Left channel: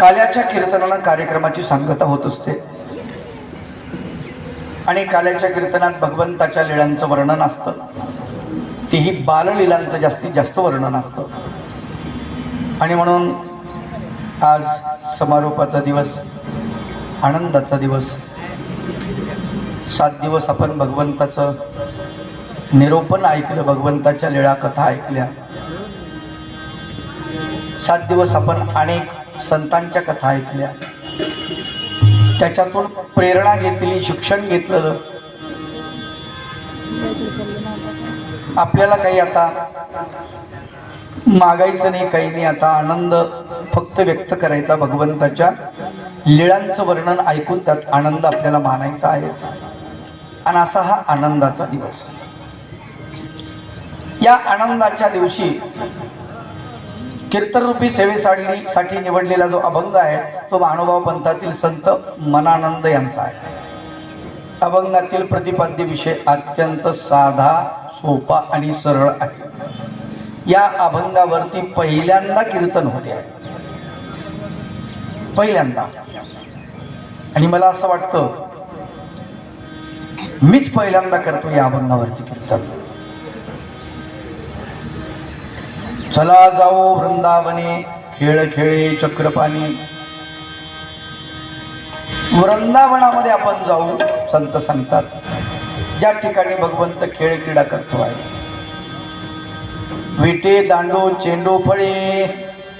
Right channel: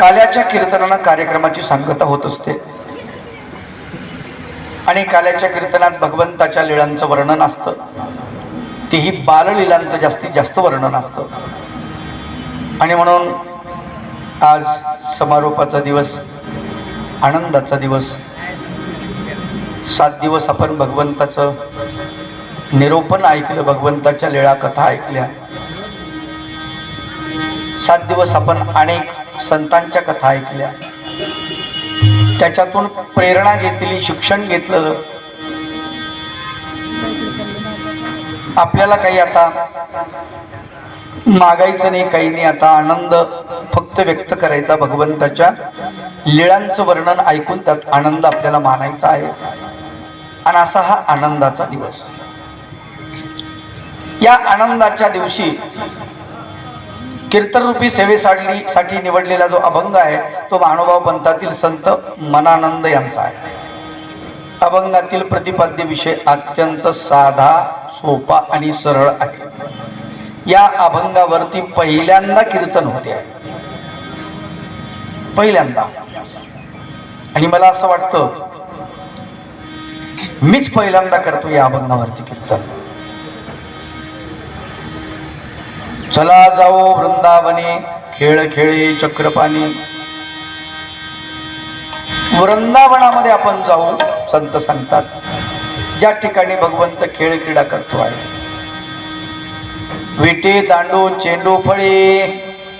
काल्याच्या कीर्तनानं कार्यक्रमाची सांगता होत असते आणि काल्याच्या कीर्तनात भगवंताच्या लीळांचं वर्णन असतं, तेही बाललीलांचं जास्तीत जास्त वर्णन असतं. आणि म्हणून आज समारोपाचा दिवस, आनंदाचा दिवस. 7 दिवस आपण भगवंताचं निरूपण ऐकलं, भगवंताच्या लीळा कथा ऐकल्या. 7 दिवस आपण अनेक संतांच्या कथा ऐकल्या, त्याच्यातून प्रेरणा घेतली, शिक्षण घेतलं. आपल्याला काही आता मागायचं नाही, काही नाही. आता आनंद फक्त व्यक्त करायचा, भगवंताच्या लीळांचं वर्णन ऐकून त्यात आनंद आपल्याला मानायचा आहे. आणि असा हा आनंदाचा दिवस. या आनंदाच्या दिवशी कीर्तनरूपी सेवेसाठी निवडलेला जो अभंग आहे तो महानुभाव पंथातील संत मनानंद यांचा आहे. अभंगातील प्रतिपाद्य विषय अत्यंत साधा, सोपा आणि सरळ आहे. या अभंगावरती पहिल्यांदा कीर्तन होते आहे, पहिल्यांदा. आणि मला असं वाटतं मीच पहिल्यांदा करतो या अभंगावरती कीर्तन. चला जाओ वृंदावने, खेळ खेळे चक्रपाणी. वृंदावनामध्ये आपण जाऊ, संत सांगतात, ज्या ठिकाणी भगवंत खेळ क्रीडा करतो आहे. विटे दांडो चेंडू फळे,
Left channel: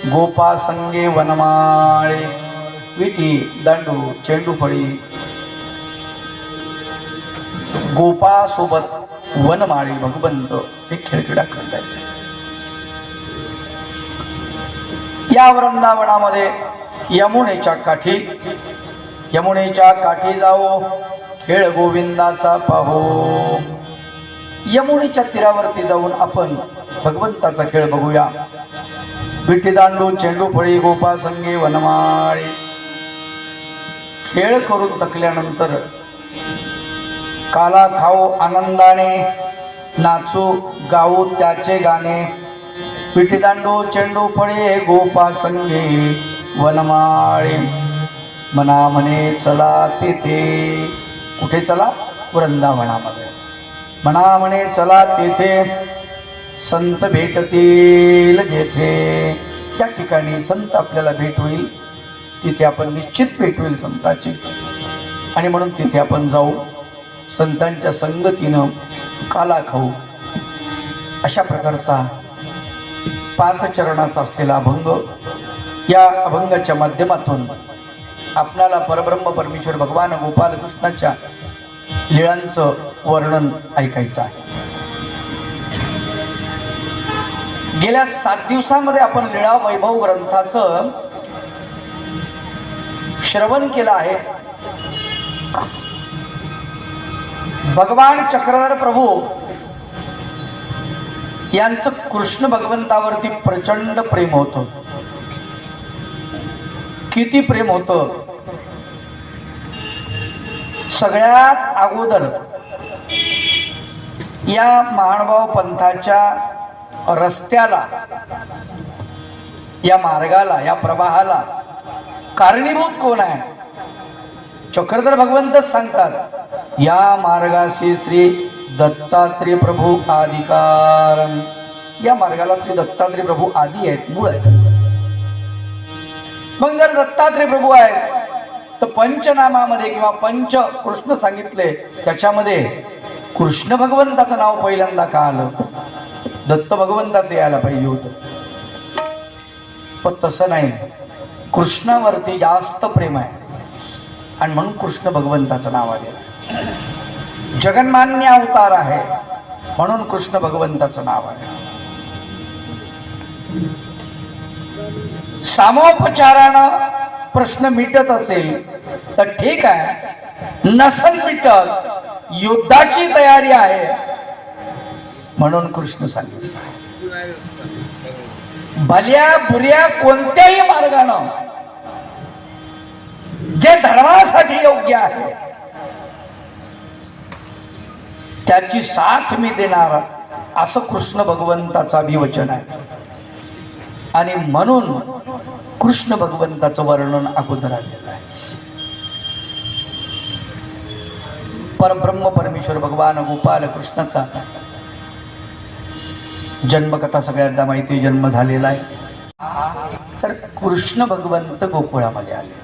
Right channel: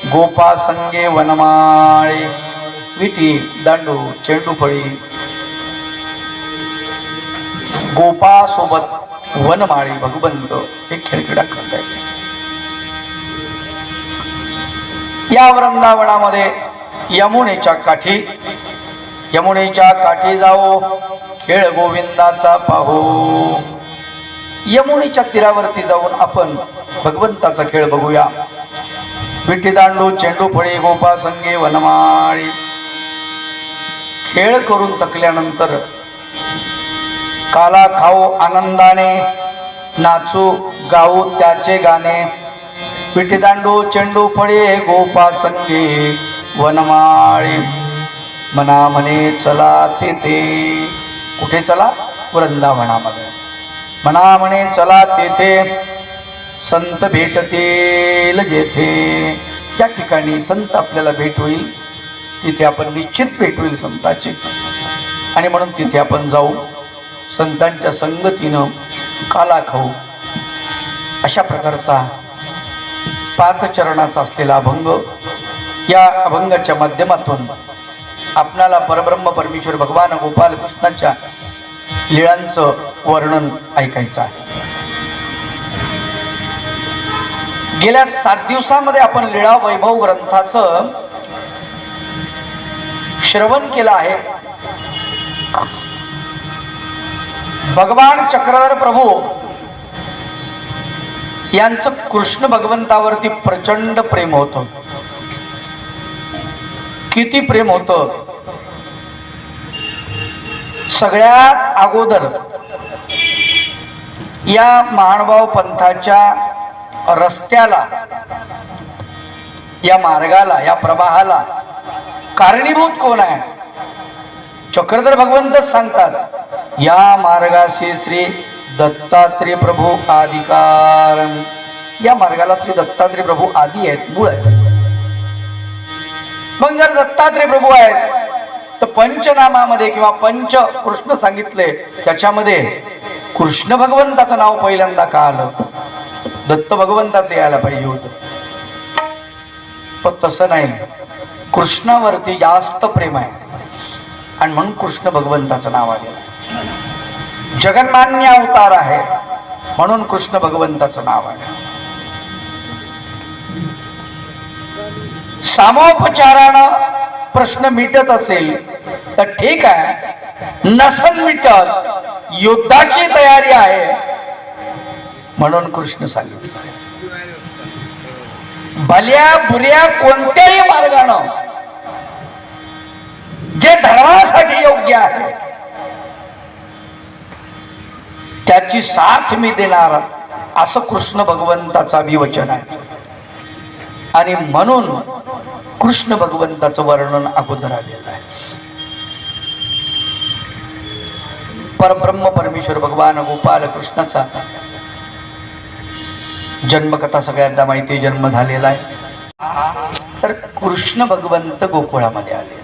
गोपा संगे वनमाळे. विटी दांडू चेंडू फळे, गोपा सोबत वनमाळी, भगवंत हे खेळ क्रीडा करत आहे. या वृंदावनामध्ये यमुनेच्या काठी जाओ, खेळ गोविंदाचा पाहो. यमुनेच्या तीरावरती जाऊन आपण भगवंताचा खेळ बघूया. विठी दांडू चेंडू फळी, गोपा संगे वनमाळी. खेळ करून थकल्यानंतर काला खाओ आनंदाने, नाचू गाऊ त्याचे गाणे. विठी दांडू चेंडू फळे, गोपा संगे वनमाळे. मना म्हणे चला तेथे. कुठे चला? वृंदावनामध्ये. मना म्हणे चला तेथे, संत भेटतील जेथे. ज्या ठिकाणी संत आपल्याला भेट होईल तिथे आपण निश्चित भेट होईल संताची. आणि म्हणून तिथे आपण जाऊ, संतांच्या संगतीनं काला खाऊ. अशा प्रकारचा 5 चरणाचा असलेला अभंग. या अभंगाच्या माध्यमातून आपणाला परब्रह्म परमेश्वर भगवान गोपाल कृष्णाच्या लीळांचं वर्णन ऐकायचं आहे. गेल्या 7 दिवसांमध्ये आपण लीळा वैभव ग्रंथाचं श्रवण केलं आहे. भगवान चक्रधर प्रभू यांचं कृष्ण भगवंतावरती प्रचंड प्रेम होतं. किती प्रेम होतं? सगळ्यात अगोदर या महानुभाव पंथाच्या रस्त्याला, या मार्गाला, या प्रवाहाला कारणीभूत कोण आहे? चक्रधर भगवंतच सांगतात, या मार्गाशी श्री दत्तात्रेय प्रभू आदिकारण. या मार्गाला श्री दत्तात्रेय प्रभू आदी आहेत, मूळ आहेत. मग जर दत्तात्रेय प्रभू आहेत तर पंचनामामध्ये किंवा पंच कृष्ण सांगितले, त्याच्यामध्ये कृष्ण भगवंताचं नाव पहिल्यांदा का आलं? दत्त भगवंताचं यायला पाहिजे होतं, पण तसं नाही. कृष्णावरती जास्त प्रेम आहे आणि म्हणून कृष्ण भगवंताचं नाव आलं. जगन्मान्य अवतार आहे म्हणून कृष्ण भगवंताचं नाव आहे. सामोपचारानं प्रश्न मिटत असेल तर ठीक आहे, नसल मिटत, युद्धाची तयारी आहे म्हणून कृष्ण सांगितलं. भल्या बुऱ्या कोणत्याही मार्गानं जे धर्मासाठी योग्य आहे त्याची साथ मी देणार, असं कृष्ण भगवंताचं अभिवचन आहे. आणि म्हणून कृष्ण भगवंताचं वर्णन अगोदर आलेलं आहे. परब्रह्म परमेश्वर भगवान गोपाल कृष्णाचा जन्मकथा सगळ्यांना माहिती, जन्म झालेला आहे. तर कृष्ण भगवंत गोकुळामध्ये आले.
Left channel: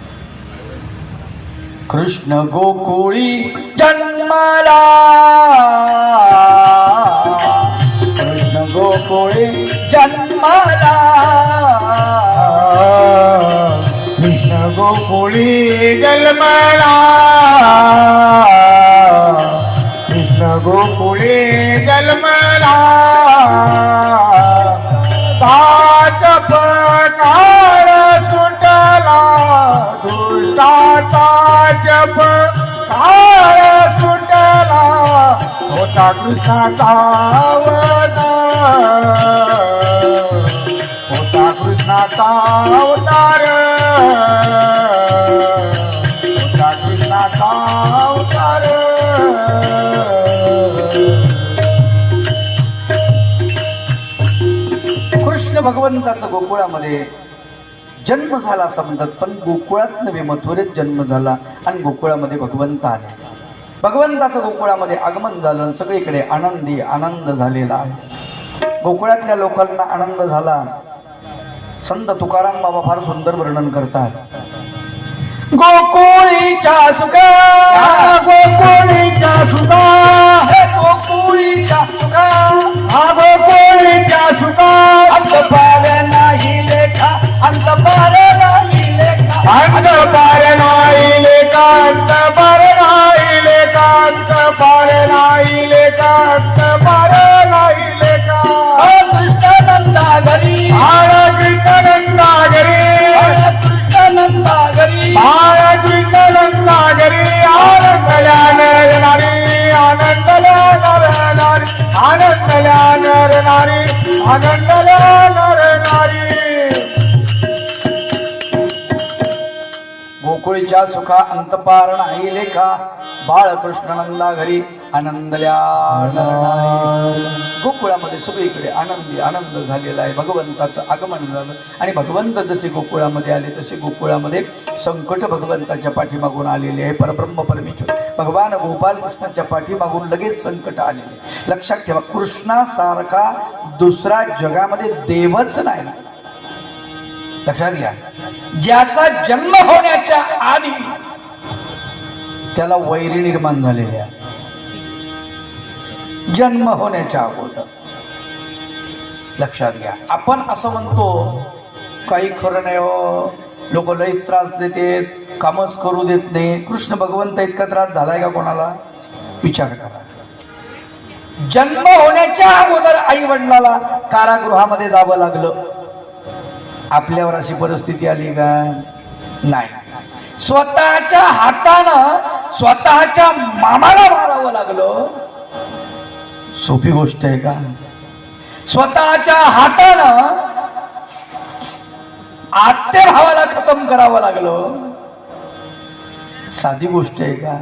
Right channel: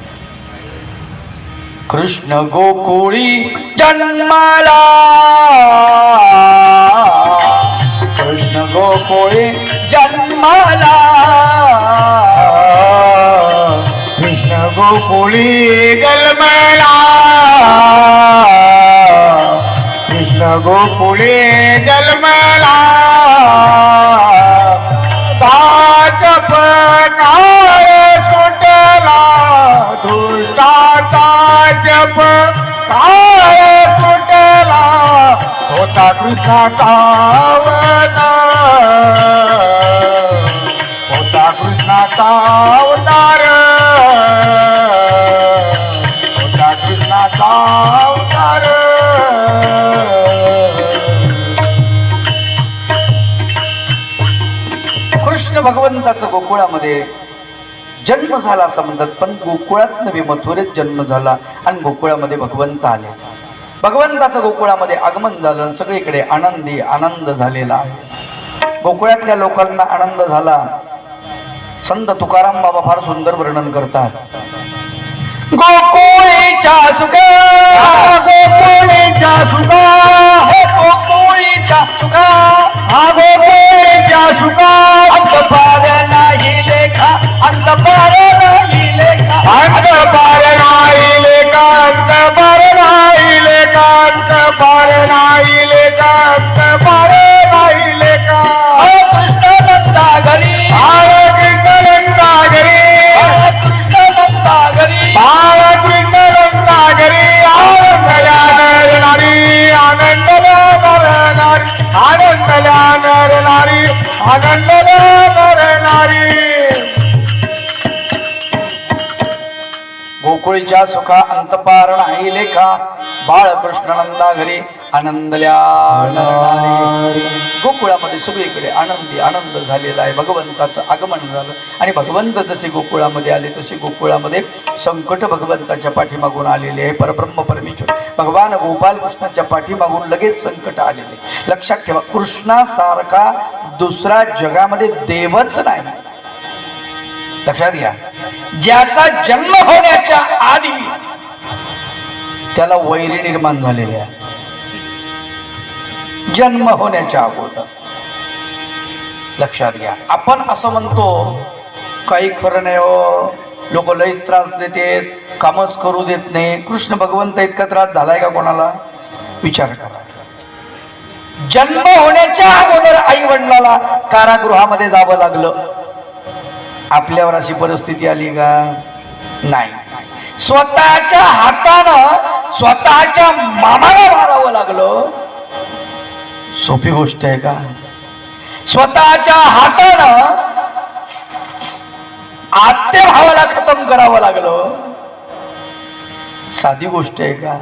कृष्ण गोकुळी जन्माला, कृष्ण गोकुळी जन्माला, कृष्ण गोकुळी जन्माला, कृष्ण गोकुळी जन्माला. साच काळ सुटला दुष्टाचा जप, काळ सुटला होता कृष्णाचा अवतार, होता कृष्णाचा अवतार, होता कृष्णाचा अवतार. कृष्ण भगवंताचा गोकुळामध्ये जन्म झाला असं म्हणतात, पण गोकुळात नव्हे मथुरेत जन्म झाला आणि गोकुळामध्ये भगवंत आले. भगवंताचं गोकुळामध्ये आगमन झालं, सगळीकडे आनंदी आनंद झालेला आहे. गोकुळातल्या लोकांना आनंद झाला. संत तुकाराम बाबा फार सुंदर वर्णन करतात. गोकुळीच्या सुखा, गोकुळीच्या सुखा, गोकुळीच्या सुखा, गोकुळीच्या सुखा, अंत पार नाही लेखा, अंत पार नाही लेखा, अंत पार नाही लेखा, अंत पार नाही लेखा, अंत पार नाही लेखा, अंत पार नाही लेखा. कृष्ण नंदा घरी, कृष्ण नंदा घरी, कृष्ण नंदा घरी, कृष्ण नंदा घरी, आनंदल्या नरनारी, आनंदल्या नरनारी, आनंदल्या नरनारी, आनंदल्या नरनारी. गोकुळीच्या सुखा अंतपार नाही लेखा, बाळकृष्ण नंदा घरी आनंदल्या नरनारी. गोकुळामध्ये सगळीकडे आनंदी आनंद झालेला आहे. भगवंताचं आगमन झालं आणि भगवंत जसे गोकुळामध्ये आले तसे गोकुळामध्ये संकट भगवंताच्या पाठीमागून आलेले आहे. परब्रह्म परमेश्वर भगवान गोपाल कृष्णाच्या पाठीमागून लगेच संकट आलेले. लक्षात ठेवा, कृष्णासारखा दुसरा जगामध्ये देवच नाही. लक्षात घ्या, ज्याचा जन्म होण्याच्या आधी त्याला वैरी निर्माण झालेले आहे. जन्म होण्याच्या अगोदर. लक्षात घ्या, आपण असं म्हणतो काही खरं नाही हो, लोक लई त्रास देतात, कामच करू देत नाही. कृष्ण भगवंत इतका त्रास झालाय का कोणाला? विचार करा. जन्म होण्याच्या अगोदर आई वडिलाला कारागृहामध्ये जावं लागलं. आपल्यावर अशी परिस्थिती आली का? नाही. स्वतःच्या हातानं स्वतःच्या मामाला मारावं लागलं. सोपी गोष्ट आहे का? स्वतःच्या हातानं आत्या भावाला खतम करावं लागलं. साधी गोष्ट आहे का?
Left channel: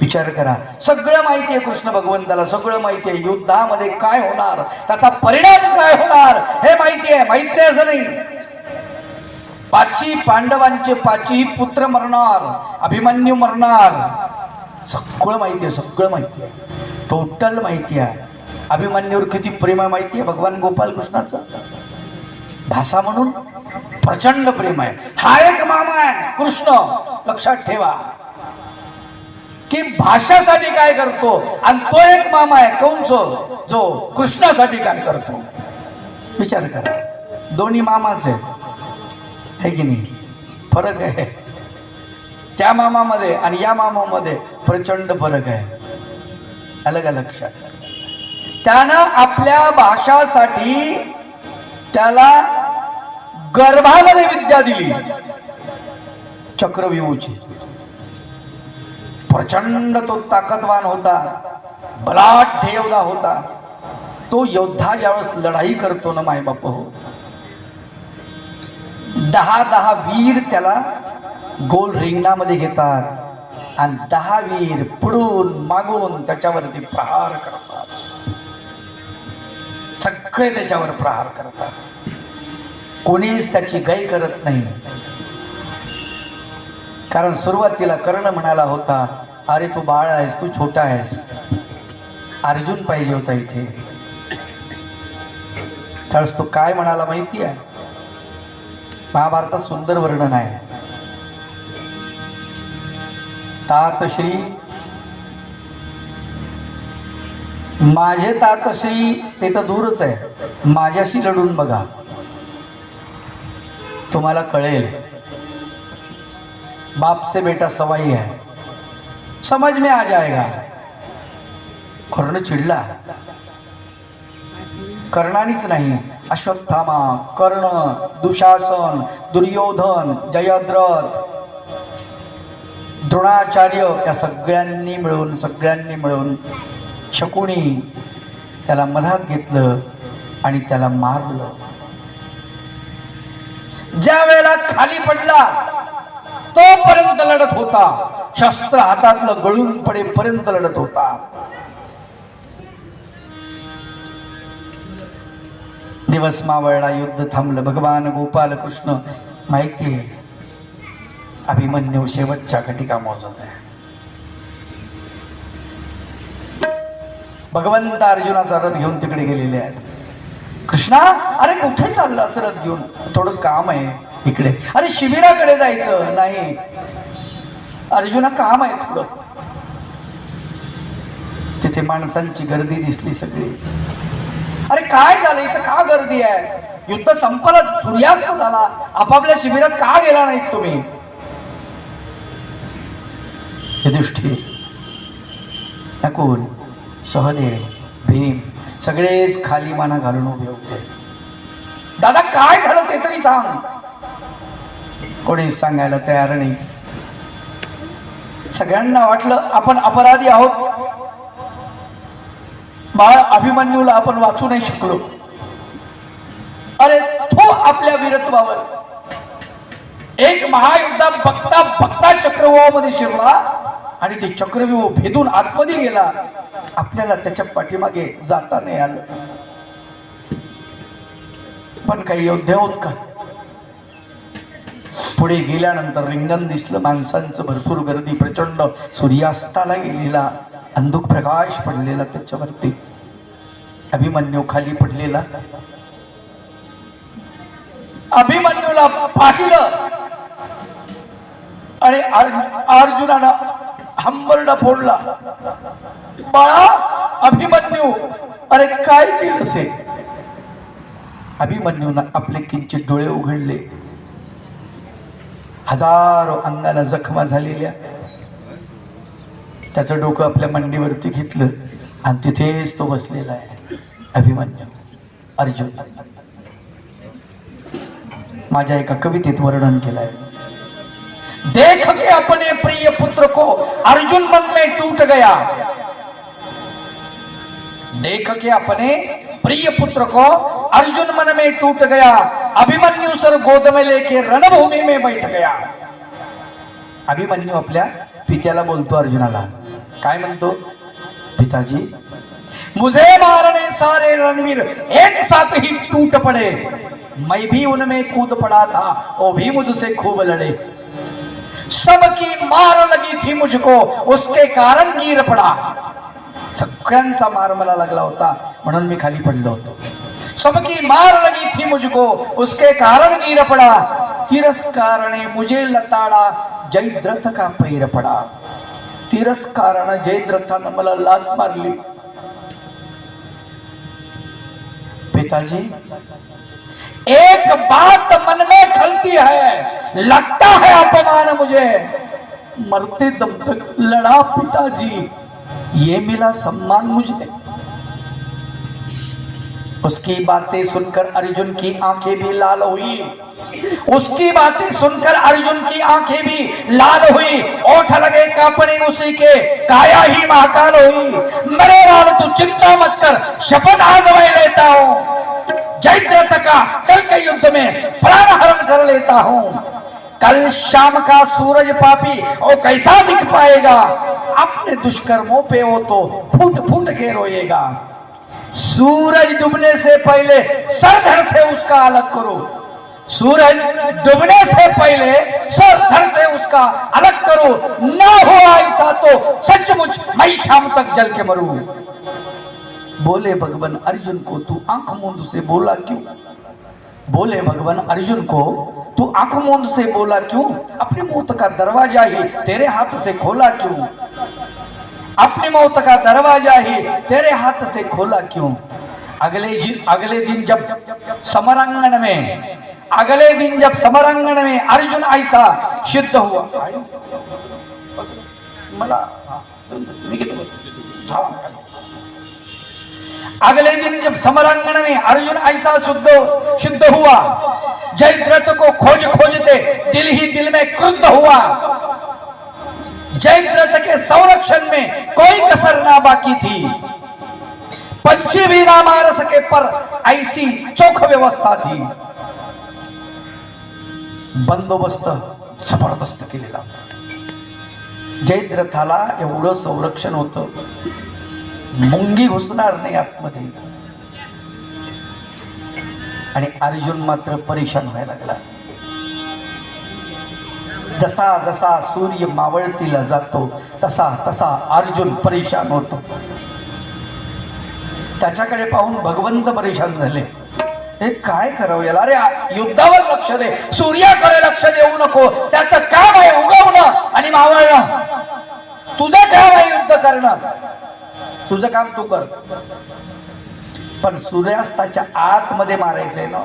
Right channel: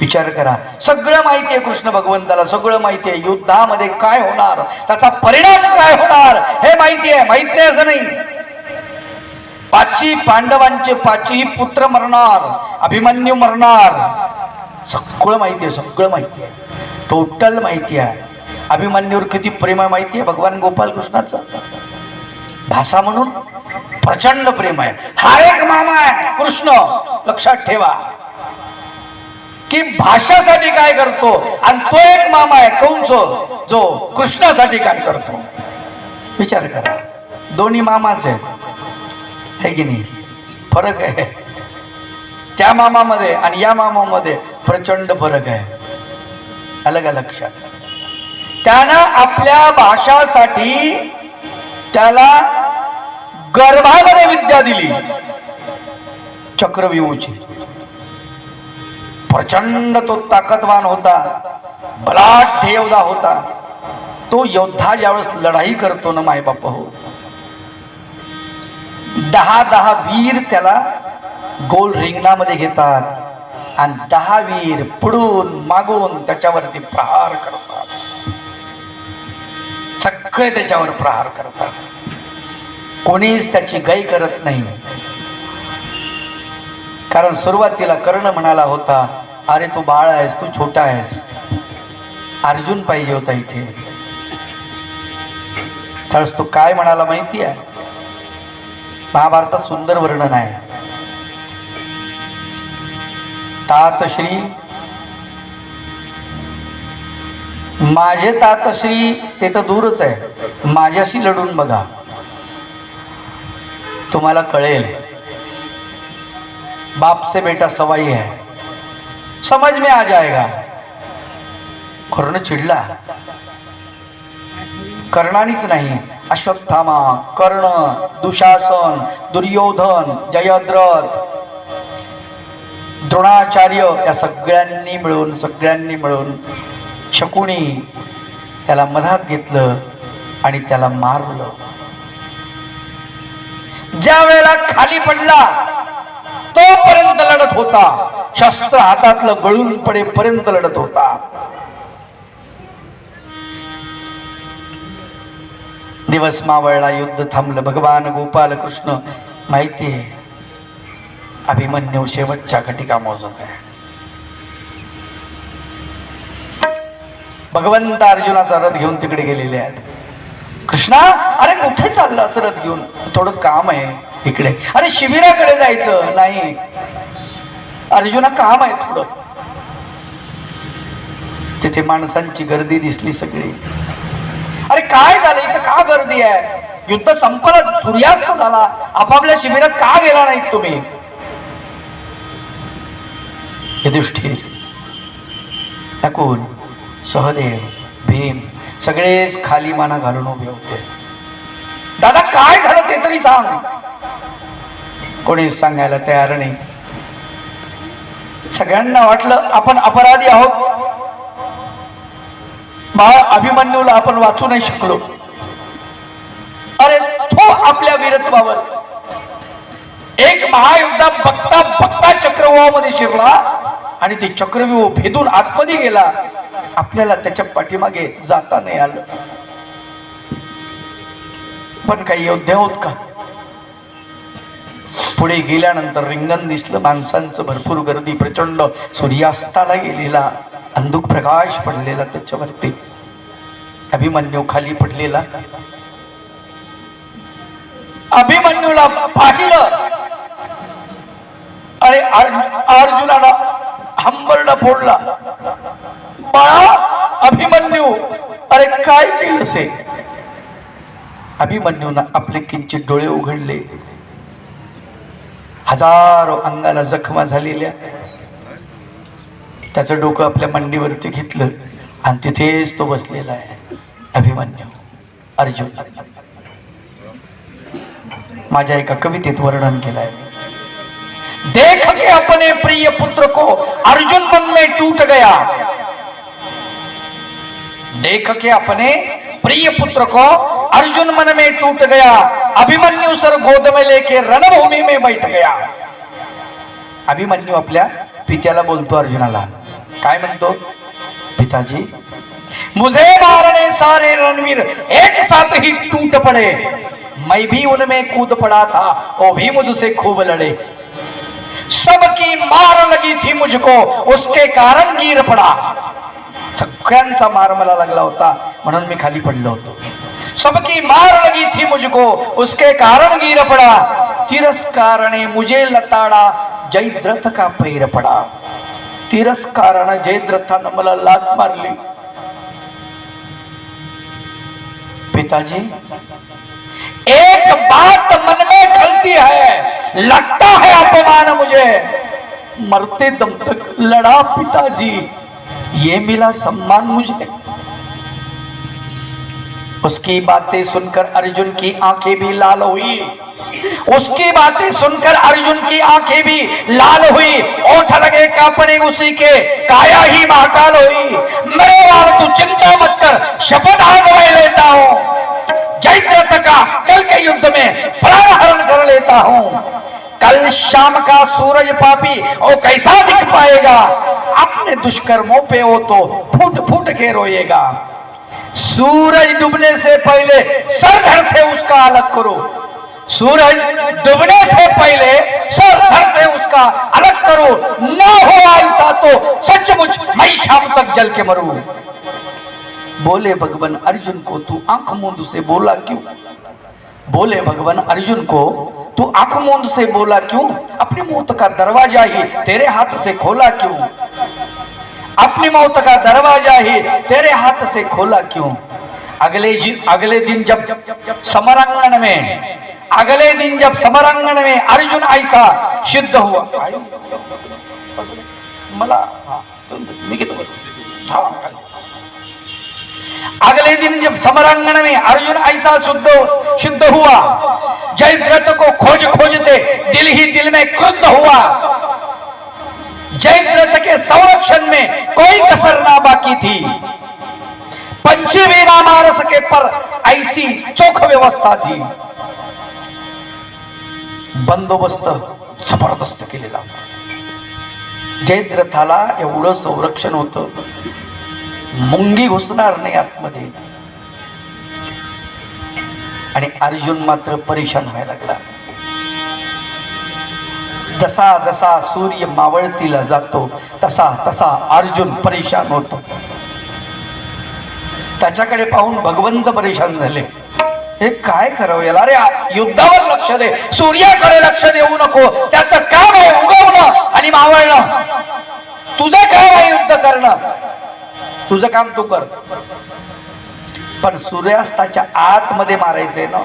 विचार करा. सगळं माहिती आहे कृष्ण भगवंताला, सगळं माहिती आहे. युद्धामध्ये काय होणार, त्याचा परिणाम काय होणार हे माहिती आहे. माहित नाही असं नाही. पांडवांचे पाचही पुत्र मरणार, अभिमन्यू मरणार, सगळं माहिती आहे. सगळं माहिती आहे, टोटल माहिती आहे. अभिमन्यूवर किती प्रेम आहे माहिती आहे भगवान गोपाल कृष्णाचं. भाषा म्हणून प्रचंड प्रेम आहे. हा एक मामा आहे कृष्ण. लक्षात ठेवा की भाषासाठी काय करतो आणि तो एक मामा आहे कंस, जो कृष्णासाठी काय करतो. विचार करा, दोन्ही मामाच आहेत, है की नाही? फरक आहे. त्या मामामध्ये आणि या मामामध्ये प्रचंड फरक आहे. अलग अलग. लक्षात, त्यानं आपल्या भाषासाठी त्याला गर्भामध्ये विद्या दिली, चक्रव्यूहाची. प्रचंड तो ताकदवान होता, बलाढ्य योद्धा होता. तो योद्धा ज्यावेळेस लढाई करतो ना माय बाप हो, 10 वीर त्याला गोल रिंगणामध्ये घेतात आणि 10 वीर पुढून मागून त्याच्यावरती प्रहार करतात. सगळे त्याच्यावर प्रहार करतात. कोणीच त्याची गाई करत नाही. कारण सुरुवातीला कर्ण म्हणाला होता, अरे तू बाळ आहेस, तू छोटा आहेस. अर्जुन पाहिजे होता इथे. त्यावेळेस तो काय म्हणाला माहिती आहे? महाभारतात सुंदर वर्णन आहे. तातश्री माझे तातश्री ते तर दूरच आहे, माझ्याशी लढून बघा, तुम्हाला कळेल. बाप से बेटा सवाई है, समझ में आ जाएगा. कर्ण चिडला. कर्णानीच नाही, अश्वत्थामा, कर्ण, दुशासन, दुर्योधन, जयद्रथ, द्रोणाचार्य या सगळ्यांनी मिळून शकुनी त्याला मधात घेतलं आणि त्याला मारलं. ज्या वेळेला खाली पडला तोपर्यंत लढत होता, शस्त्र हातातलं गळून पडेपर्यंत लढत होता. दिवस मावळला, युद्ध थांबलं. भगवान गोपाल कृष्ण माहितीये अभिमन्यू शेवटच्या घटिका मोजत आहे. भगवंत अर्जुनाचा रथ घेऊन तिकडे गेलेले आहेत. कृष्णा, अरे कुठे चाललं असं रथ घेऊन? थोडं काम आहे इकडे. अरे शिबिराकडे जायचं नाही. अर्जुना काम आहे थोडं. तिथे माणसांची गर्दी दिसली सगळी. अरे काय झालं इथं, का गर्दी आहे? युद्ध संपलं, सूर्यास्त झाला, आपापल्या शिबिरात का गेला नाहीत तुम्ही? युधिष्ठिर, नकुल, सहदेव, भीम सगळेच खाली माना घालून उभे होते. दादा काय झालं ते तरी सांग. कोणी सांगायला तयार नाही. सगळ्यांना वाटलं आपण अपराधी आहोत. बाळा अभिमन्यूला आपण वाचू नाही शकलो. अरे तो आपल्या वीरत्वावर एक महायुद्धात बघता बघता चक्रव्यूहामध्ये शिरला आणि ते चक्रव्यूह भेदून आतमध्ये गेला. आपल्याला त्याच्या पाठीमागे जाता नाही आलं. पण काही योद्धे होत का? पुढे गेल्यानंतर रिंगण दिसलं, माणसांचं भरपूर गर्दी, प्रचंड सूर्यास्ताला गेलेला अंधुक प्रकाश पडलेला त्याच्यावरती. अभिमन्यू खाली पडलेला. अभिमन्यूला पाहिलं आणि अर्जुनाला हंबरडा फोडला. बाळा अभिमन्यू, अरे काय केलं से? अभिमन्यूनं आपले किंचित डोळे उघडले. हजारो अंगाला जखमा झालेल्या. त्याचं डोकं आपल्या मांडीवरती घेतलं आणि तिथेच तो बसलेला आहे. अभिमन्यू, अर्जुन. माझ्या एका कवितेत वर्णन केलंय. देख के अपने प्रिय पुत्र को अर्जुन मन में टूट गया. देख के अपने प्रिय पुत्र को अर्जुन मन में टूट गया. अभिमन्यू सर गोद में लेके रणभूमि में बैठ गया. अभिमन्यू आपल्या पित्याला बोलतो, अर्जुनाला काय म्हणतो? पिताजी, मुझे मारने सारे रणवीर एक साथ ही टूट पड़े. मैं भी उनमें कूद पड़ा था, वो भी मुझसे खूब लड़े. सबकी मार लगी थी मुझको, उसके कारण गिर पड़ा. सगळ्यांचा मार मला लागला होता म्हणून मी खाली पडलो होतो. सबकी मार लगी थी मुझको, उसके कारण गिर पड़ा. तिरस्कार ने मुझे लताड़ा, जयद्रथ का पैर पड़ा. तिरस्कारानं जयद्रथानं मला लात मारली. पिताजी, एक बात मन में खलती है, लगता है अपमान मुझे. मरते दम तक लड़ा पिताजी, ये मिला सम्मान मुझे. उसकी बातें सुनकर अर्जुन की आंखें भी लाल हुई. उसकी बातें सुनकर अर्जुन की आंखें भी लाल हुई. ओठ लगे कांपने उसी के, काया ही महाकाल हुई. मेरे लाल तू चिंता मत कर, शपथ आज मैं लेता हूं. जयद्रथ का कल के युद्ध में प्राण हरण कर लेता हूं. कल शाम का सूरज पापी और कैसा दिख पाएगा. अपने दुष्कर्मों पे वो तो फूट फूट के रोएगा. सूरज डूबने से पहले सर घर से उसका अलग करो. सूरज डूबने से पहले सर धड़ से उसका अलग करो, ना हो ऐसा तो सचमुच मैं शाम तक जल के मरूं। बोले भगवान अर्जुन को तू आंख मूंद से बोला क्यों? बोले भगवान अर्जुन को तू आंख मूंद से बोला क्यों? अपनी मौत का दरवाजा ही तेरे हाथ से खोला क्यों? अपनी मौत का दरवाजा ही तेरे हाथ से खोला क्यों? अगले दिन जब समरांगण में अर्जुन ऐसा सिद्ध हुआ। मला अगले दिन जब समरांगण में अर्जुन ऐसा शुद्ध हुआ, जयद्रथ को खोजते दिल ही दिल में क्रुद्ध हुआ। जयद्रथ के संरक्षण में कोई कसर ना बाकी थी। पंछी भी ना मार सके पर ऐसी चोख व्यवस्था थी। बंदोबस्त जबरदस्त केलेला। जयद्रथाला एवढं संरक्षण होतं, मुंगी घुसणार नाही आतमध्ये, आणि अर्जुन मात्र परेशान व्हायला लागला। जसा जसा सूर्य मावळतीला जातो तसा तसा अर्जुन परेशान होतो। त्याच्याकडे पाहून भगवंत परेशान झाले। हे काय करावं याला? अरे युद्धावर लक्ष दे, सूर्याकडे लक्ष देऊ नको। त्याचं काम आहे उगवणं आणि मावळणं, तुझं काम आहे युद्ध करणं, तुझं काम तू कर। पण सूर्यास्ताच्या आतमध्ये मारायचंय ना।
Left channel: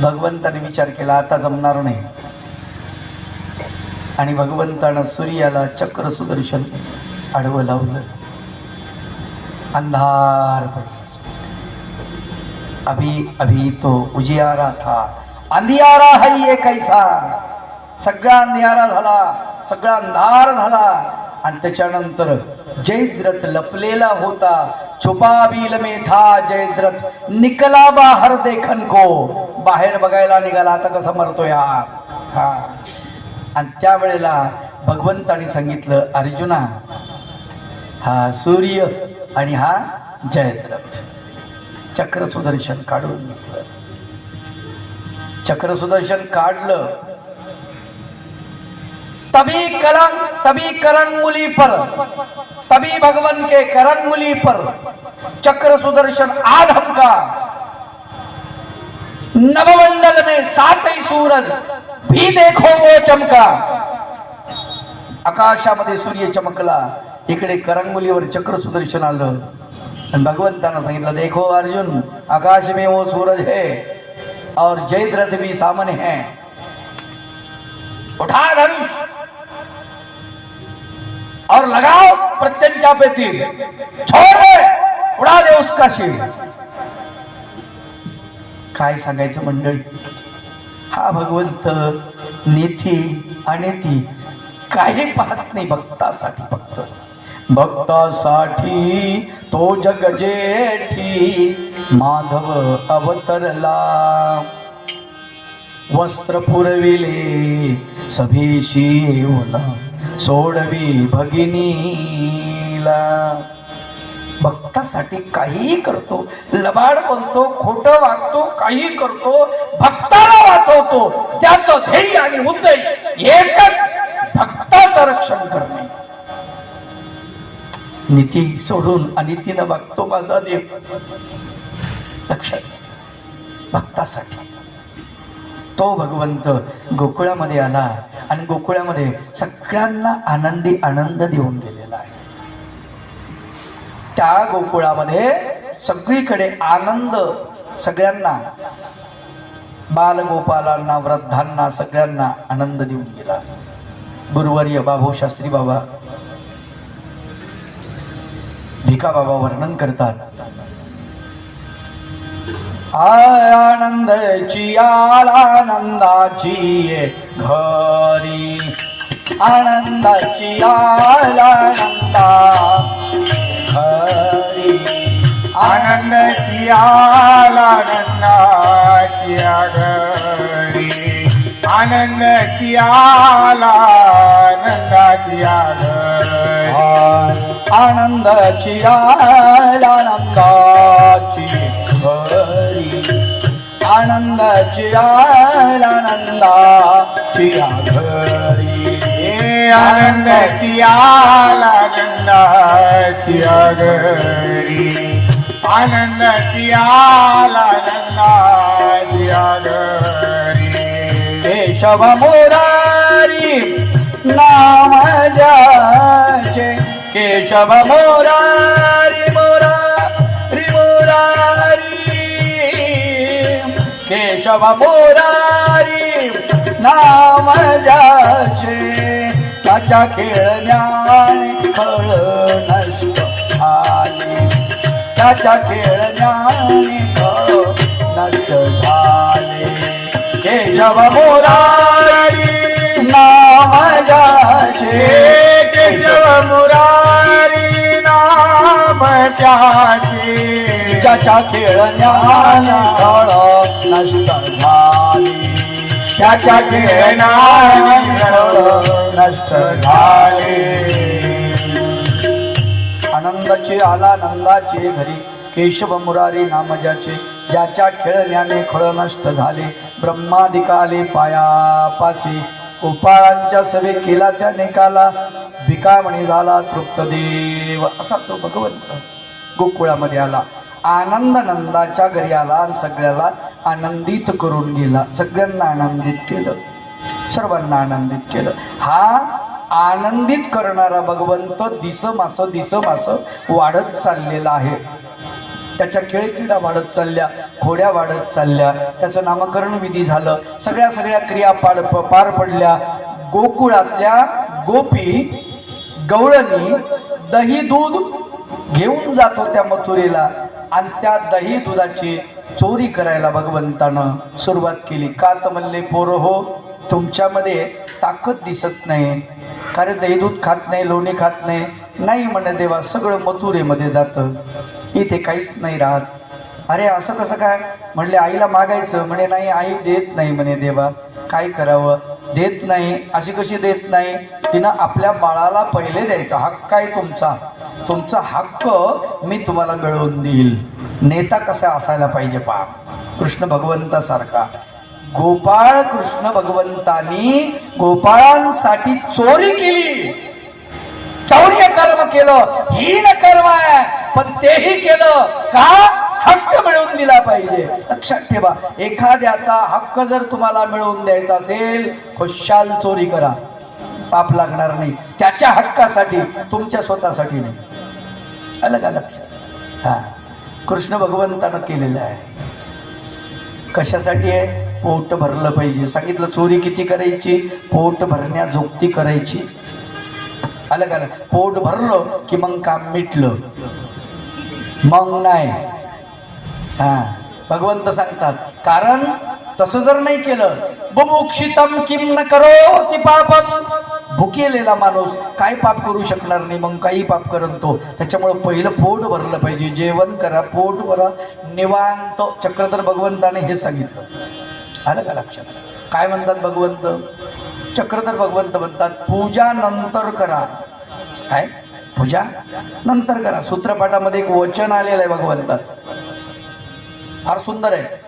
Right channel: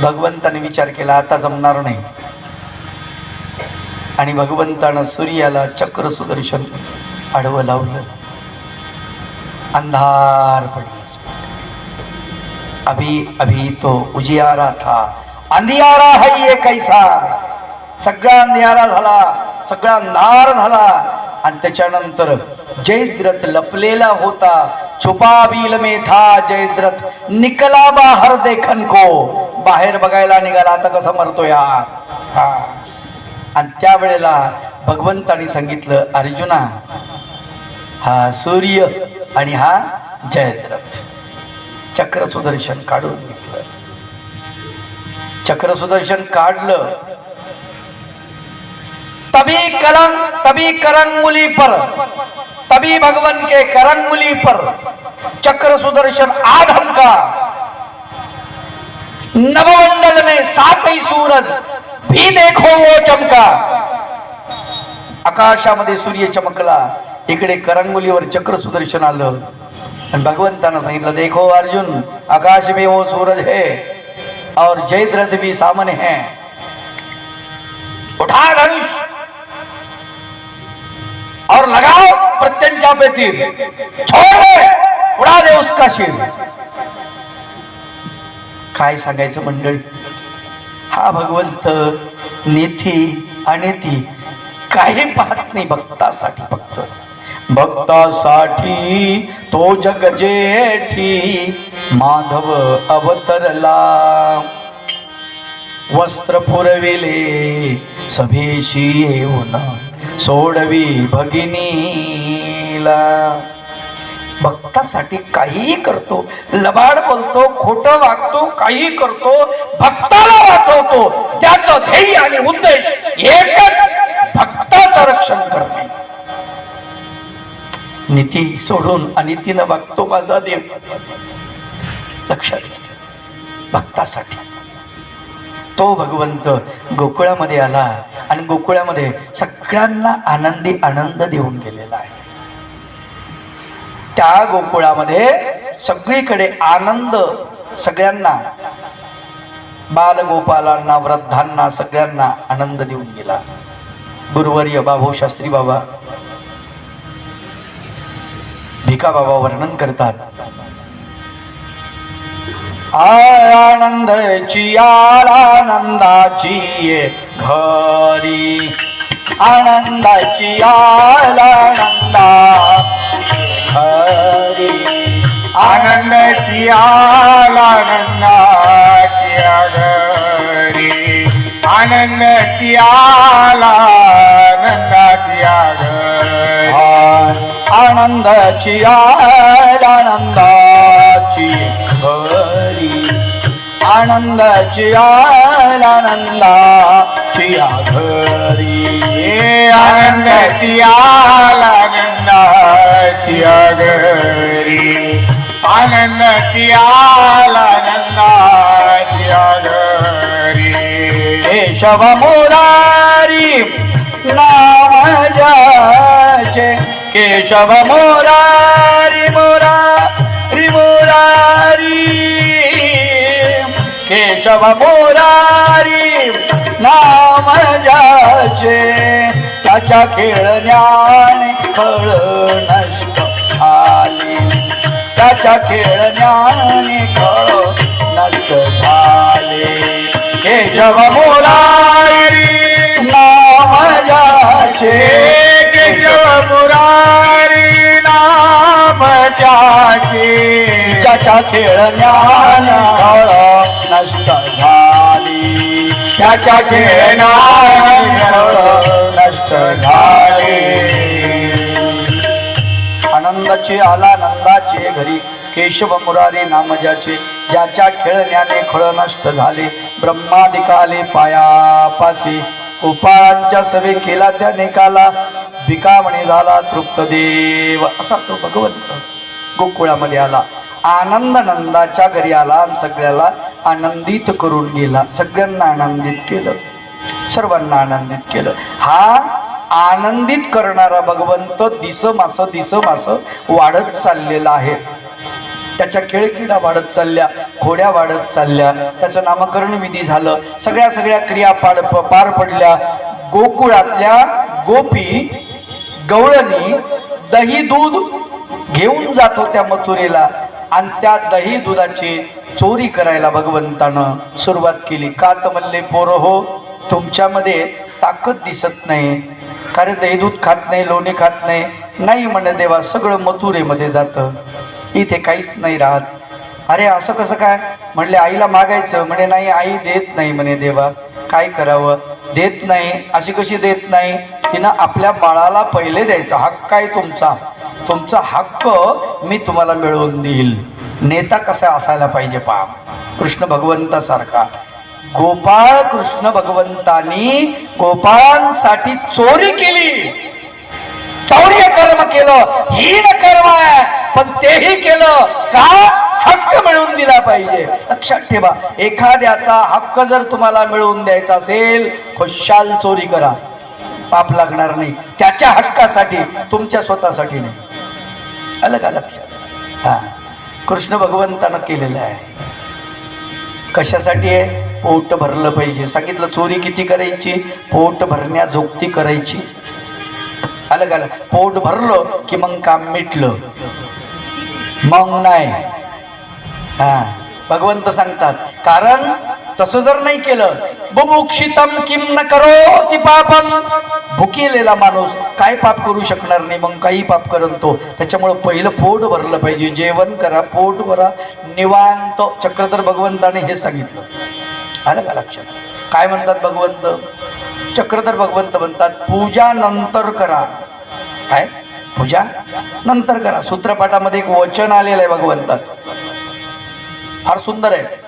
भगवंताने विचार केला आता जमणार नाही, आणि भगवंतानं सूर्याला चक्र सुदर्शन आडवं लावलं। अंधार पडला। अभी तो उजियारा था, अंधियारा है ये कैसा। सगळा अंधियारा झाला, सगळा अंधार झाला, आणि त्याच्यानंतर जयद्रथ लपलेला होता। छुपा बिल में था जयद्रथ, निकला बाहर देखन को। बाहेर बघायला निघाला आता कसा मरतोय हा। आणि त्यावेळेला भगवंतानी सांगितलं, अर्जुना हा सूर्य आणि हा जयद्रथ। चक्र सुदर्शन काढून घेतलं। चक्र सुदर्शन काढलं, तभी करंगुली पर, तभी भगवान के करंगुली पर चक्र सुदर्शन आ ढमका। नवमंडल में 7 ही सूरज भी देखो वो चमका। आकाशामध्ये सूर्य चमकला, इकडे करंगुलीवर चक्र सुदर्शन आलं, आणि भगवंतानं सांगितलं, देखो अर्जुन आकाश में वो सूरज है और जयद्रथ भी सामने है। उठा धनुष और लगाओ प्रत्यंचा पे तीर, छोड़ दे, उड़ा दे उसका शिर। काय सांगायचं मंडळी, हा भगवंत नेती अनेती काही पाहत नाही, भक्तासाठी फक्त भक्तासाठी तो जग जेठी माधव अवतरला। वस्त्र पुरविले सभेशी येऊन सोडवी भगिनीला। भक्तासाठी काहीही करतो, लबाड बोलतो, खोटं वागतो, काही करतो, भक्ताला वाचवतो। त्याचं ध्येय आणि उद्देश एकच, भक्ताचं रक्षण करणे। नीती सोडून अनितीनं वागतो माझा देव। लक्षात घे, भक्तासाठी तो भगवंत गोकुळामध्ये आला, आणि गोकुळामध्ये सगळ्यांना आनंदी आनंद देऊन गेलेला आहे। त्या गोकुळामध्ये सगळीकडे आनंद, सगळ्यांना, बालगोपालांना, वृद्धांना, सगळ्यांना आनंद देऊन गेला। गुरुवर्य बाबू शास्त्री बाबा, भिका बाबा वर्णन करतात, आनंदाची आनंदाची घरी, आनंदाची आनंदा घरी, आनंदाची आनंदाची घरी, आनंदाची आनंदाची घरी, आनंदाची आनंदाची घरी, आनंदाची आनंदाची घरी आनंदाची आनंदाची घरी आनंदाची आनंदाची घरी केशव मुरारी नाम ज्याचे केशव मुरारी मुरारी मुरारी केशव मुरारी नाम ज्याचे त्याच्या खेळण्याने फळ नष्ट आली त्याच्या खेळण्याने फळ नष्ट झाले केशव मुरारी नाम ज्याचे केशव मुरारी नाम त्याचे त्याच्या खेळण्याने फळ नष्ट झाली त्याच्या खेळण्याने फळ नष्ट झाले आनंदाचे आलानंदाचे घरी केशव मुरारी नाम ज्याच्या खेळण्याने खळ नष्ट झाले ब्रह्मादिकाले पायापासी गोपाळांच्या सवे केला त्याने काला भिकामणी झाला तृप्त देव असा तो भगवंत गोकुळामध्ये आला आनंद नंदाच्या घरी आला आणि सगळ्याला आनंदित करून गेला सगळ्यांना आनंदित केलं सर्वांना आनंदित केलं हा आनंदित करणारा भगवंत दिसमास वाढत चाललेला आहे त्याच्या खेळक्रीडा वाढत चालल्या घोड्या वाढत चालल्या त्याचं नामकरण विधी झालं सगळ्या क्रिया पार पडल्या गोकुळातल्या गोपी गवळणी दही दूध घेऊन जात होत्या मथुरेला आणि त्या दही दुधाची चोरी करायला भगवंतानं सुरुवात केली का तर म्हणले पोरं हो तुमच्यामध्ये ताकद दिसत नाही कारण दही दूध खात नाही लोणी खात नाही म्हणे देवा सगळं मथुरेमध्ये जातं इथे काहीच नाही राहत अरे असं कसं काय म्हणले आईला मागायचं म्हणे नाही आई देत नाही म्हणे देवा काय करावं देत नाही अशी कशी देत नाही तिनं आपल्या बाळाला पहिले द्यायचा हक्क आहे तुमचा हक्क मी तुम्हाला मिळवून देईल नेता कसा असायला पाहिजे पहा कृष्ण भगवंतासारखा गोपाळ कृष्ण भगवंतांनी गोपाळांसाठी चोरी केली चौर्य कर्म केलं हीन कर्म आहे पण तेही केलं का हक्क मिळवून दिला पाहिजे लक्षात ठेवा एखाद्याचा हक्क जर तुम्हाला मिळवून द्यायचा असेल खुशाल चोरी करा पाप लागणार नाही त्याच्या हक्कासाठी तुमच्या स्वतःसाठी नाही आलं का लक्षात हा कृष्ण भगवंतानं केलेलं आहे कशासाठी आहे पोट भरलं पाहिजे सांगितलं चोरी किती करायची पोट भरण्याजोगती करायची आलं का पोट भरलं की मग काम मिटलं मग नाही हा भगवंत सांगतात कारण तसं जर नाही केलं बुभुक्षितम किम न करोति पापम भुकेलेला माणूस काय पाप करू शकणार नाही मग काही पाप करत तो त्याच्यामुळं पहिलं पोट भरलं पाहिजे जेवण करा पोट भरा निवांत चक्रधर भगवंताने हे सांगितलं आलं का लक्षात काय म्हणतात भगवंत चक्रधर भगवंत म्हणतात पूजा नंतर करा काय पूजा नंतर करा सूत्रपाठामध्ये एक वचन आलेलं आहे भगवंताचं फार सुंदर आहे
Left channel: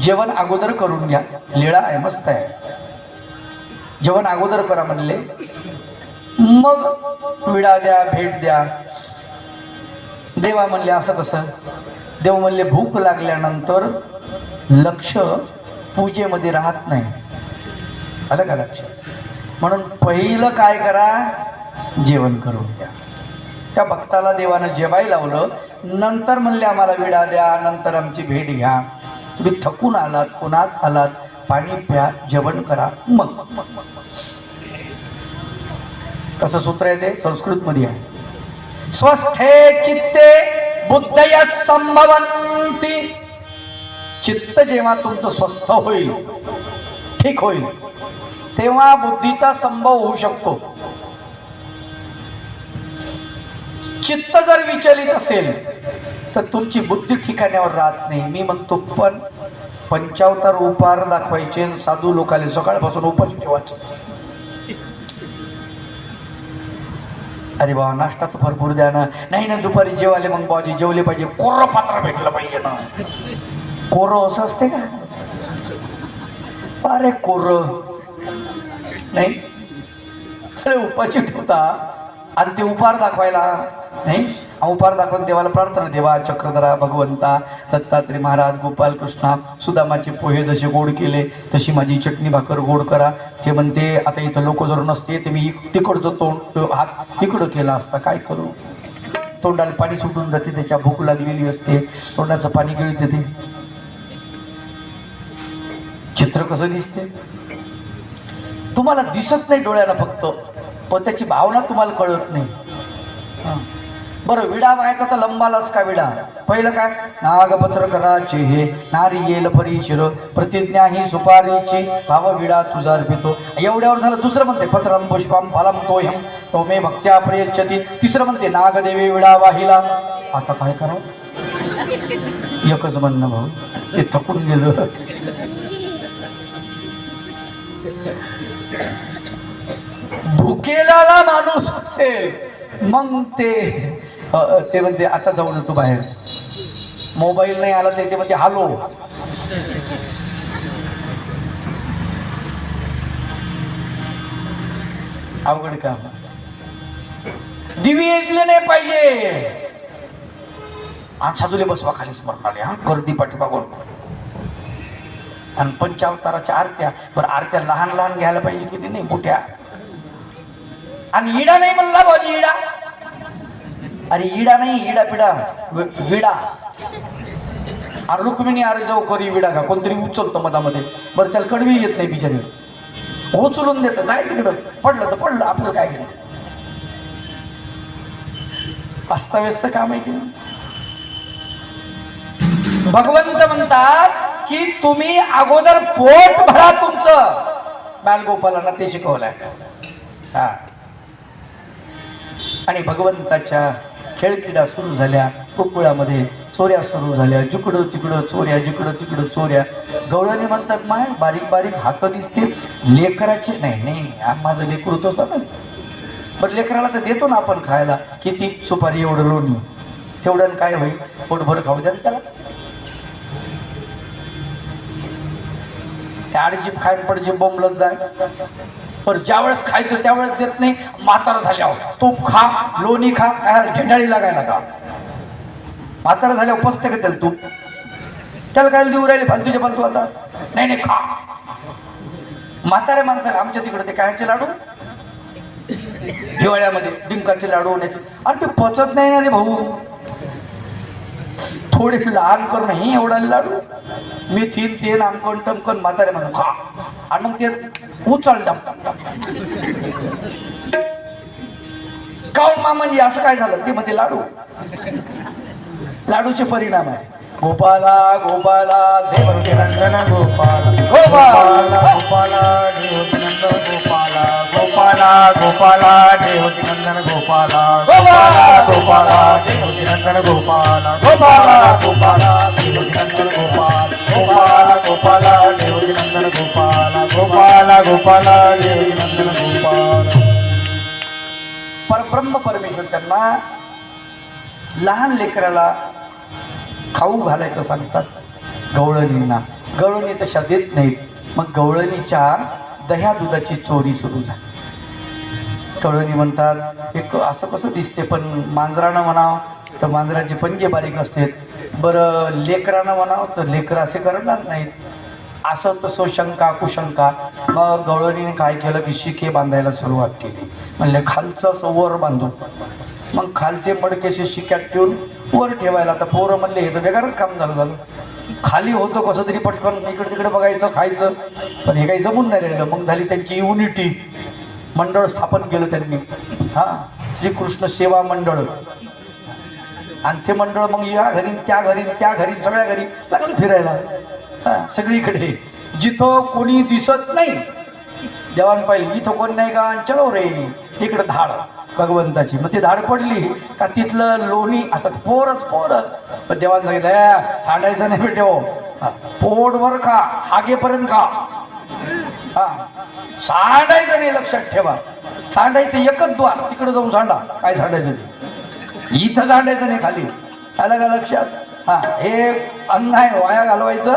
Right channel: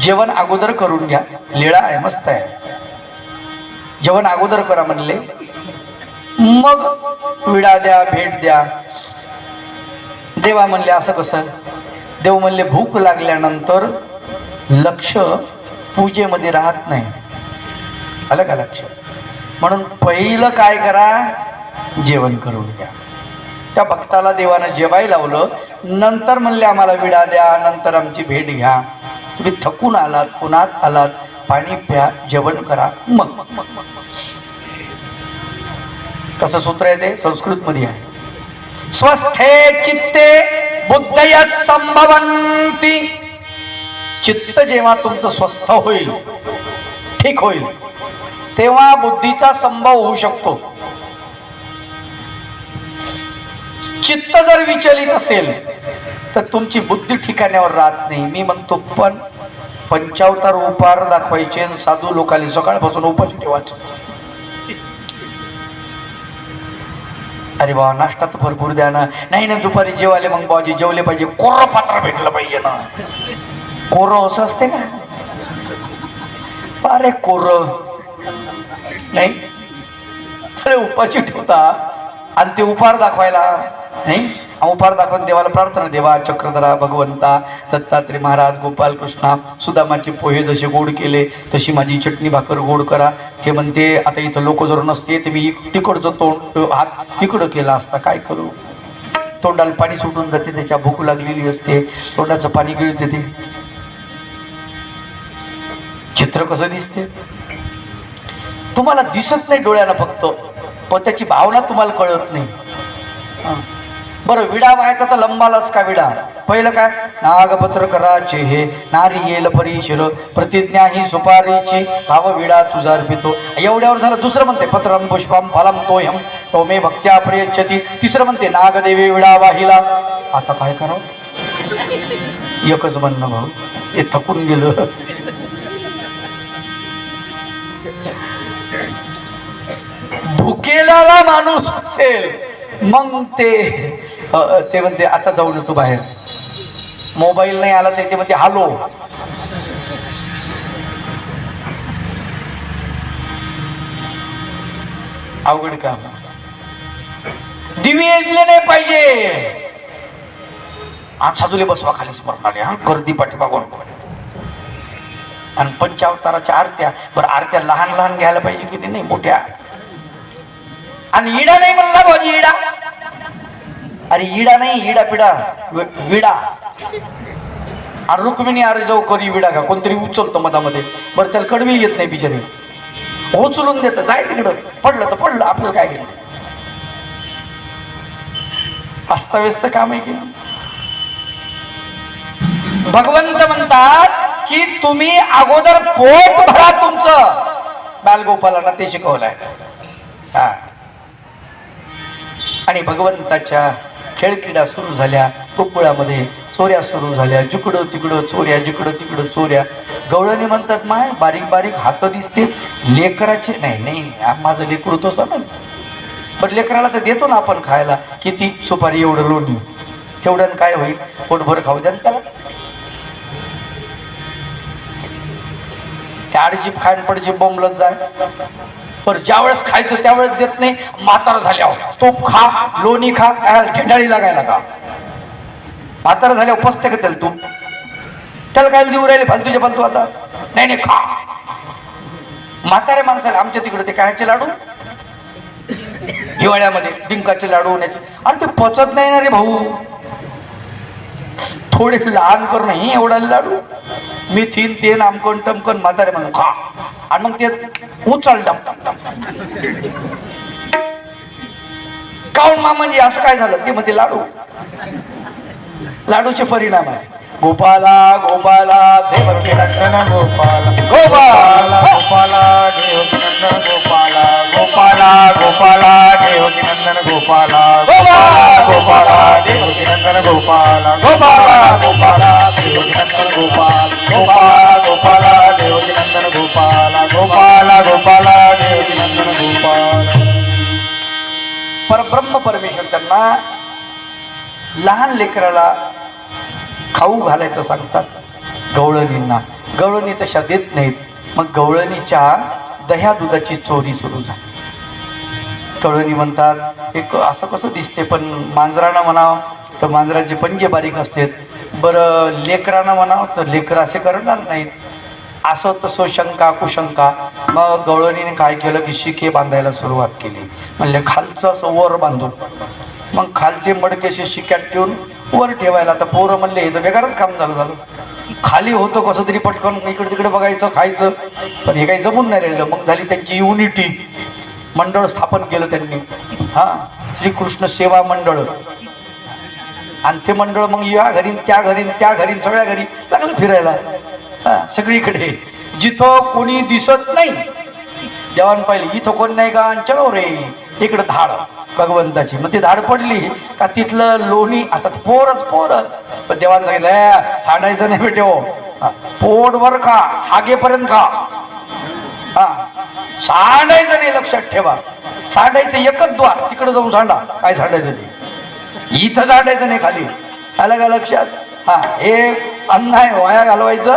जेवण अगोदर करून घ्या लीळा आहे मस्त आहे जेवण अगोदर करा म्हणले मग विडा द्या भेट द्या देवा म्हणले असं कसं देव म्हणले भूक लागल्यानंतर लक्ष पूजेमध्ये राहत नाही आलं का लक्ष म्हणून पहिलं काय करा जेवण करून घ्या त्या भक्ताला देवानं जेवायला लावलं नंतर म्हणले आम्हाला विडा द्या नंतर आमची भेट घ्या तुम्ही थकून आलात उन्हात आलात पाणी प्या जेवण करा मग कसं सूत्र आहे ते संस्कृत मध्ये आहे स्वस्थे चित्ते बुद्धय संभवन्ति चित्त जेव्हा तुमचं स्वस्थ होईल ठीक होईल तेव्हा बुद्धीचा संभव होऊ शकतो चित्त जर विचलित असेल तर तुमची बुद्धी ठिकाण्यावर राहत नाही मी म्हणतो पण पंचावतार उपार दाखवायचे साधू लोकांनी सकाळपासून उपास ठेवायचं अरे बाबा नाश्ता तर भरपूर द्या ना. नाही ना दुपारी जेवायले मग बाजी जेवले पाहिजे, कोरं पात्र भेटलं पाहिजे ना. कोरं असं असते का? अरे कोरं नाही खरे उपाशी ठेवता आणि ते उपहार दाखवायला नाही. उपहार दाखवून देवाला प्रार्थना, देवा चक्रधरा भगवंता दत्तात्रय महाराज गोपाल कृष्णा सुदामाचे पोहे जसे गोड केले तशी माझी चटणी भाकर गोड करा. ते म्हणते आता इथं लोक जर नसते ते मी तिकडचं तोंड हात इकडं केला असता, काय करू. तोंडाला पाणी सुटून जाते, त्याच्या भूक लागलेली असते, तोंडाचं पाणी गिळते. ते चित्र कसं दिसते तुम्हाला दिसत नाही डोळ्याला फक्त, पण त्याची भावना तुम्हाला कळत नाही. बरं विडा व्हायचा तर लंबालाच का विडा. पहिलं काय नागपत्र कराचे हे नारी येल परीशिर प्रतिज्ञा ही सुपारीची भाव विडा तुझा अर्पितो. एवढ्यावर झालं. दुसरं म्हणते पत्रम पुष्पम फलम तोयम तो मे भक्त्या प्रयच्छति. तिसरं म्हणते नागदेवी विडा वाहिला. आता काय करावं, एकच म्हणणं भाऊ, ते थकून गेलं. भुकेला माणूस असेल मग ते म्हणते आता जाऊ नको बाहेर. मोबाईल नाही आला ते म्हणते हालो. अवघड काम. दिवे येजले नाही पाहिजे. आज साधूले बसवा खाली स्मरणाले, हा गर्दी पाठीमागून. आणि पंचावताराच्या आरत्या, बरं आरत्या लहान लहान घ्यायला पाहिजे की नाही, मोठ्या. आणि इडा नाही म्हणला भाऊजी, इडा. अरे इडा नाही, इडा पिडा विडा. आणि रुक्मिणी अरे जाऊ करी विडा का कोणतरी उचलतं मधामध्ये. बरं त्याला कडवी येत नाही बिचारी, उचलून देत जाय तिकडं, पडलं तर पडलं, आपलं काय घेणं. अस्ताव्यस्त काम आहे की. भगवंत म्हणतात की तुम्ही अगोदर पोट भरा तुमचं. बालगोपालांना ते शिकवलंय. हा. आणि भगवंताच्या खेळक्रीडा सुरू झाल्या. गोकुळामध्ये चोऱ्या सुरू झाल्या, जिकडं तिकडं चोऱ्या, जिकडं तिकडं चोऱ्या. गवळणी म्हणतात माय बारीक बारीक हात दिसते लेकराचे. नाही माझं लेकरू तो समज. बरं लेकराला तर देतो ना आपण खायला, किती सुपारी एवढं लोणी, तेवढ्यानं काय होईल, पोटभर खाऊ द्या त्याला. आडजीप खायन पडजीप बोंबलत जाय. पर ज्या वेळेस खायचं त्यावेळेस देत नाही. म्हातारा झाल्यावर तूप खा, लोणी खा, काय घेंडाळी लागायला का. म्हातारा झाल्यावर पसते का त्याला तूप, त्याला काय देऊ राहिले फालतूच्या फालतू. आता नाही खा. म्हातारे माणसाला आमच्या तिकडे ते कायचे लाडू, हिवाळ्यामध्ये डिंकाचे लाडू होण्याचे. अरे ते पचत नाही ना रे भाऊ. थोडे लहान करून ही एवढा लाडू मेथीन तेल आमकण टमकन म्हातारे म्हणून खा. आणि मग ते उचल काऊन मामाजी असं काय झालं. ते मग ते लाडूचे परिणाम आहे. गोपाला गोपाला देवकी नंदन गोपाला गोपाला गोपाला देवकी नंदन गोपाला गोपाला गोपाला देवकी नंदन गोपाला गोपाला गोपाला देवकी नंदन गोपाला गोपाला गोपाला देवकी नंदन गोपाला गोपाला गोपाला देवकी नंदन गोपाला गोपाला गोपाला देवकी नंदन गोपाला. परब्रह्म परमेश्वर त्यांना लहान लेकराला खाऊ घालायचं सांगतात. गवळणींना गवळणी तशा देत नाहीत. मग गवळणीच्या दह्या दुधाची चोरी सुरू झाली. गवळणी म्हणतात एक असं कसं दिसते, पण मांजरानं म्हणावं तर मांजराचे पंजे बारीक असतात. बरं लेकरानं म्हणावं तर लेकरं असे करणार नाहीत. असं तसं शंका कुशंका. मग गवळणीने काय केलं की शिके बांधायला सुरुवात केली. म्हणले खालचं असं वर बांधून, मग खालचे मडकेशी शिक्यात ठेवून वर ठेवायला. आता पोरं म्हणले हे तर बेकारच काम झालं. खाली होतं कसं तरी पटकन इकडे तिकडे बघायचं खायचं, पण हे काही जमून नाही राहिलं. मग झाली त्यांची युनिटी, मंडळ स्थापन केलं त्यांनी. हा श्रीकृष्ण सेवा मंडळ. आणि ते मंडळ मग या घरी त्या घरी त्या घरी सगळ्या घरी लागलं फिरायला. हा सगळीकडे जिथं कोणी दिसत नाही देवान पाहिजे, इथं कोणी नाही का चलो रे इकडं धाड भगवंताची. मग ती धाड पडली का तिथलं लोणी. आता पोरच पण देवानं सांगितलं सांडायचं नाही बेटे हो, पोटभर खा, हागेपर्यंत खा, हा सांडायचं नाही, लक्षात ठेवा. सांडायचं एकच द्वार, तिकडे जाऊन सांडा. काय सांडायचं ते, इथं सांडायचं नाही खाली. आलं का लक्षात? हा, हे अन्न आहे वाया घालवायचं